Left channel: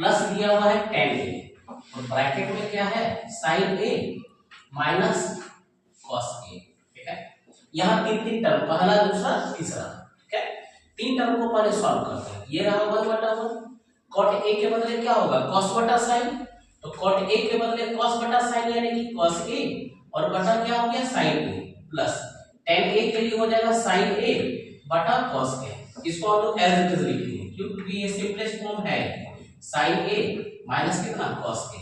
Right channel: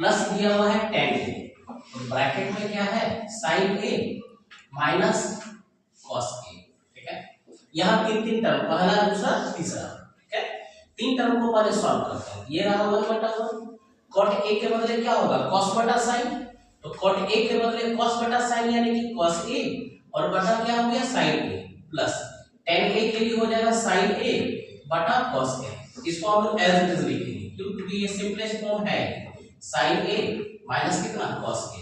Plus दिया हुआ है tan a, और ब्रैकेट में क्या है sin a minus cos a। ठीक है, यहाँ तीन तीन टर्म, पहला दूसरा तीसरा। ठीक है, तीन टर्म को पहले सॉल्व करते हैं। ये रहा 1/1, cot a के बदले क्या होगा cos बटा sin, तो cot a के बदले cos बटा sin यानी कि cos a, और बटा क्या हो गया sin a, plus tan a के लिए हो जाएगा sin a बटा cos a। इसको हम लोग एज इट इज लिखेंगे क्योंकि ये सिंपलेस्ट फॉर्म है, sin a माइनस कितना cos a।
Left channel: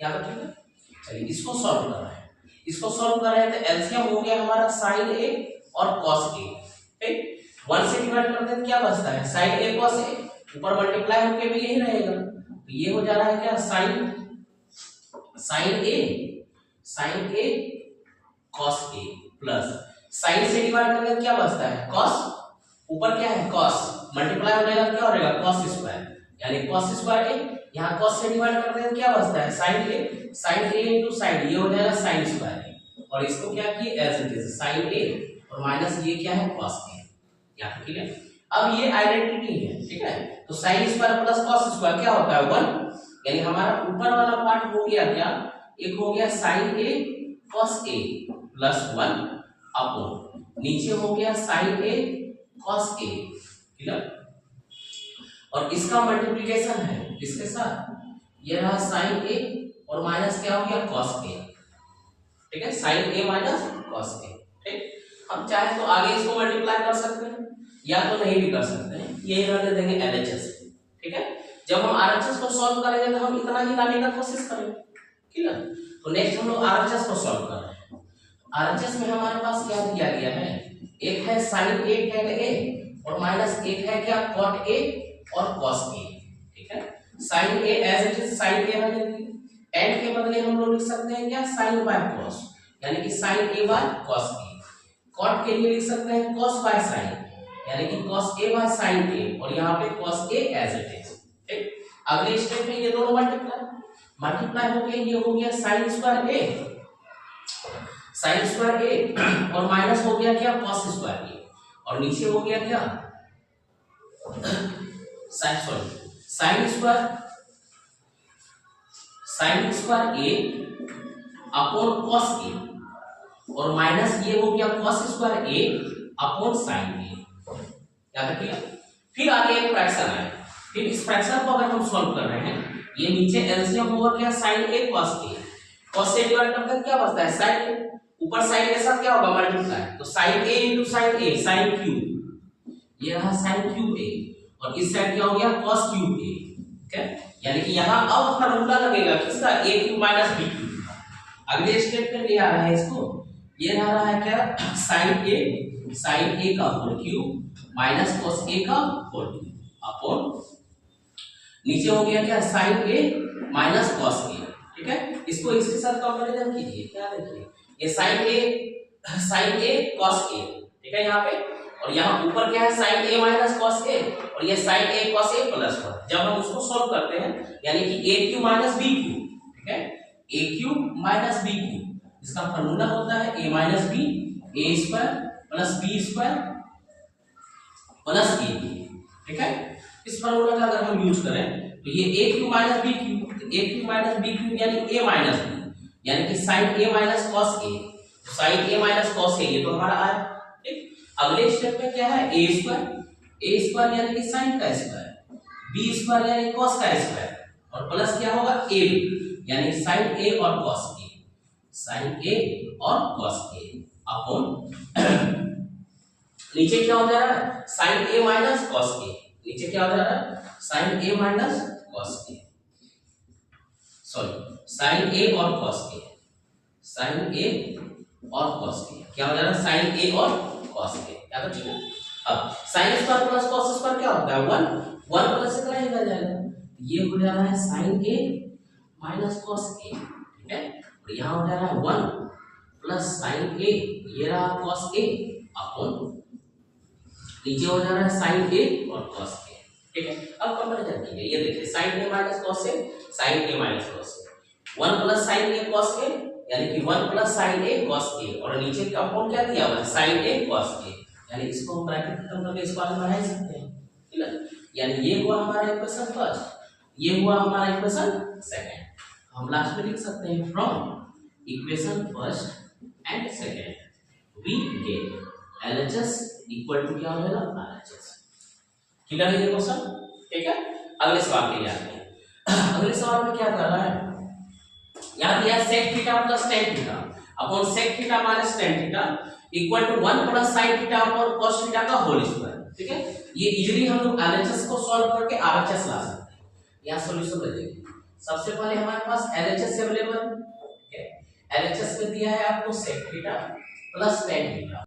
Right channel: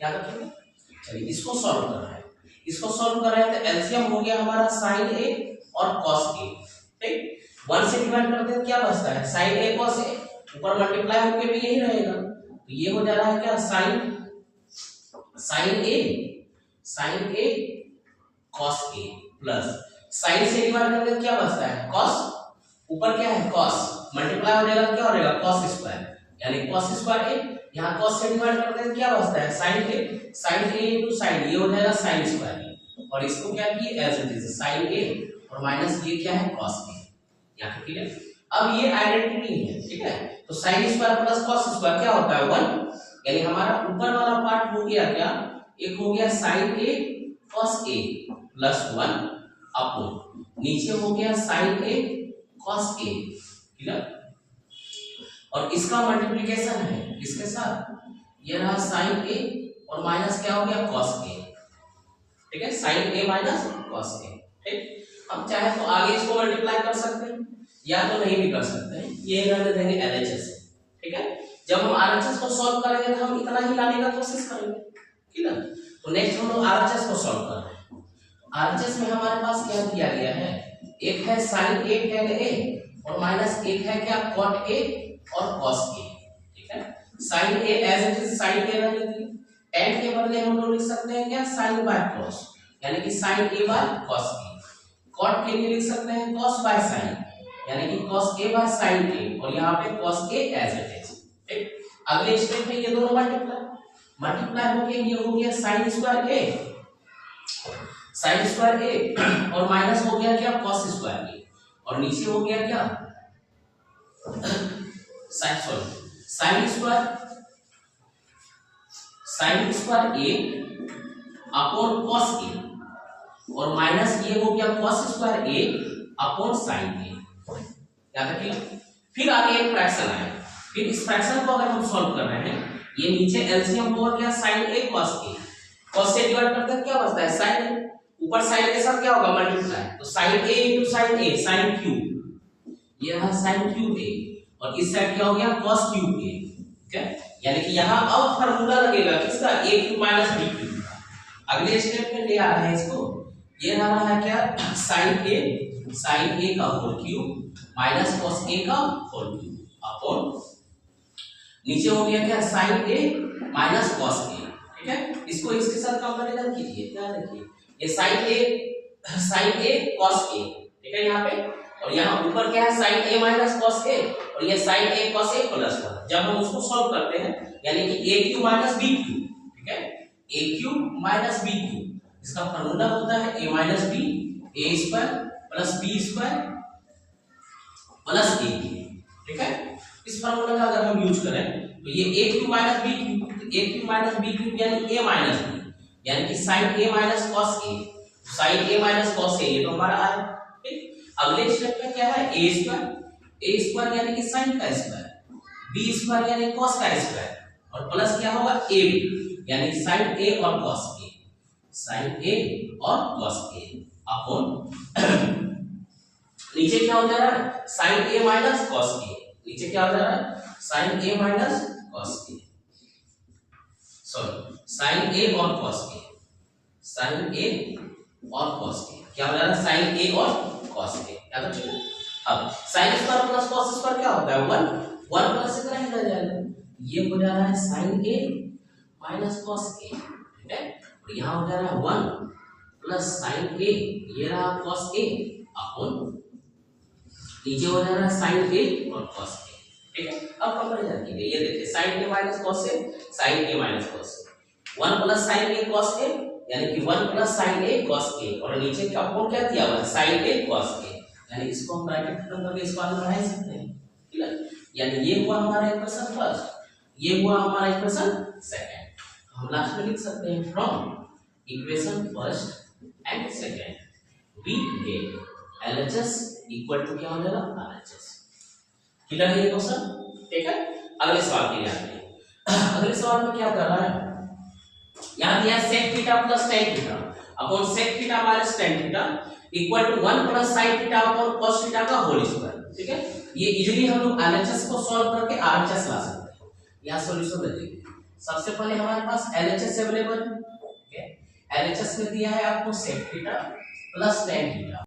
याद रखिएगा। चलिए इसको सॉल्व कर रहे हैं, इसको सॉल्व कर रहे हैं तो एलसीएम हो गया हमारा sin a और cos a। ठीक, 1 से डिवाइड करते हैं क्या बचता है sin a cos a, ऊपर मल्टीप्लाई होके भी यही रहेगा, तो ये हो जा रहा है क्या sin a cos a plus sin से डिवाइड करके क्या बचता है cos, ऊपर क्या है cos, मल्टीप्लाई हो जाएगा क्या हो जाएगा cos स्क्वायर, यानी cos स्क्वायर a, यहाँ cos से डिवाइड करते हैं क्या बचता है sin a into sin, ये हो जाएगा sin स्क्वायर a, और इसको क्या किए as it is sin a, और माइनस ये क्या है cos a। यहाँ पे ठीक है, अब ये आइडेंटिटी है। ठीक है, तो sin square plus cos square क्या होता है 1, यानी हमारा ऊपर वाला पार्ट हो गया क्या, एक हो गया sin a cos a plus 1 upon नीचे हो गया sin a cos a। ठीक है, और इसका मल्टीप्लिकेशन है इसके साथ, ये रहा sin a और माइनस क्या हो गया cos a। ठीक है, sin a minus cos a। ठीक, हम चाहे तो आगे इसको मल्टीप्लाई कर सकते हैं या तो नहीं भी कर सकते हैं, यही रहने देंगे LHS। ठीक है, जब हम RHS को सॉल्व करेंगे तो हम इतना ही लाने का कोशिश करेंगे। ठीक है, तो नेक्स्ट हम लोग RHS को सॉल्व कर रहे हैं। RHS में हमारे पास क्या दिया गया है, एक है sin a tan a और माइनस एक है क्या cot a और cos a। ठीक है, sin a as it is sin a रहने दीजिए, tan के बदले हम लोग लिख सकते हैं क्या sin by cos, यानी कि sin a by cos a। cot के लिए लिख सकते हैं cos by sin, यानी कि cos a by sin a, और यहाँ पे cos a as it is. ठीक, अगले स्टेप में ये दोनों मल्टीप्लाई हो गए, ये हो गया sin स्क्वायर a और माइनस हो गया क्या cos स्क्वायर a, और नीचे हो गया क्या sin square a upon cos a, और माइनस ये हो गया cos square a upon sin a। याद रखिएगा। फिर आगे एक फ्रैक्शन आए, फिर इस फ्रैक्शन को अगर हम सॉल्व कर रहे हैं, ये नीचे एलसीएम होगा क्या sin a cos a, cos से डिवाइड करते हैं क्या बचता है sin a, ऊपर sin के साथ क्या होगा मल्टीप्लाई, तो sin a into sin a sin cube, ये रहा sin क्यूब a, और इस साइड क्या हो गया cos क्यूब a। ठीक है, यानी कि यहाँ अब फार्मूला लगेगा किसका a cube minus b cube का। अगले स्टेप में ले आ रहे हैं इसको, ये रहा है क्या sin a का whole cube minus cos a का होल क्यूब अपॉन नीचे हो गया क्या sin a minus cos a। ठीक है, इसको इसके साथ कंपैरिजन कीजिए, क्या देखिए ये sin a cos a। ठीक है, यहाँ पे, और यहाँ ऊपर क्या है sin a minus cos a, और ये sin a cos a plus 1। जब हम उसको सॉल्व करते हैं यानी कि a cube minus b cube. ठीक है, a cube minus b cube, इसका फार्मूला होता है a minus b a square plus b square plus a cube. ठीक है, इस फार्मूला का अगर हम यूज करें तो ये a cube minus b cube, a cube minus b cube यानी a माइनस b, यानी कि sin a minus cos a, sin a minus cos a, ये तो हमारा आया। ठीक, अगले स्टेप में क्या है a स्क्वायर यानी कि sin का स्क्वायर, b स्क्वायर यानी cos का स्क्वायर, और प्लस क्या होगा a यानी sin a और cos a, sin a और cos a अपॉन नीचे क्या हो जा रहा है sin a minus cos a, नीचे क्या हो जा रहा है sin a minus cos a, sorry sin a और cos a, sin a और cos a क्या हो जा रहा है sin a और cos a। याद रखिए, अब sin square plus cos square क्या होता है 1 प्लस से नहीं रह जाएगा, ये हो जा रहा है sin a minus cos a। ठीक है, और यहाँ हो जा रहा है 1 प्लस sin a, ये रहा cos a अपॉन नीचे हो जा रहा है sin a और cos a। ठीक है, अब कंपैरिजन कीजिए, ये देखिए sin a minus cos a, sin a minus cos a, 1 plus sin a cos a यानी कि 1 plus sin a cos a, और नीचे का अपॉन क्या दिया हुआ है sin a cos a, यानी इसको हम ब्रैकेट खत्म करके इसको आगे बढ़ा सकते हैं। ठीक है, यानी ये हुआ हमारा इक्वेशन फर्स्ट। ये हुआ हमारा इक्वेशन सेकंड। हम लास्ट में लिख सकते हैं from equation first and second we get LHS equal to क्या हो जाएगा RHS। क्लियर है ये क्वेश्चन? ठीक है, अगले सवाल के लिए आते हैं। अगले सवाल में क्या कर रहा है, यहां दिया sec theta plus tan theta upon sec theta minus tan theta equal to 1 plus sin theta upon cos theta का होल स्क्वायर। ठीक है, ये इजीली हम लोग LHS को सॉल्व करके RHS ला सकते हैं। यहां सॉल्यूशन दे देंगे। सबसे पहले हमारे पास LHS अवेलेबल है। ठीक है, LHS में दिया है आपको sec theta plus tan theta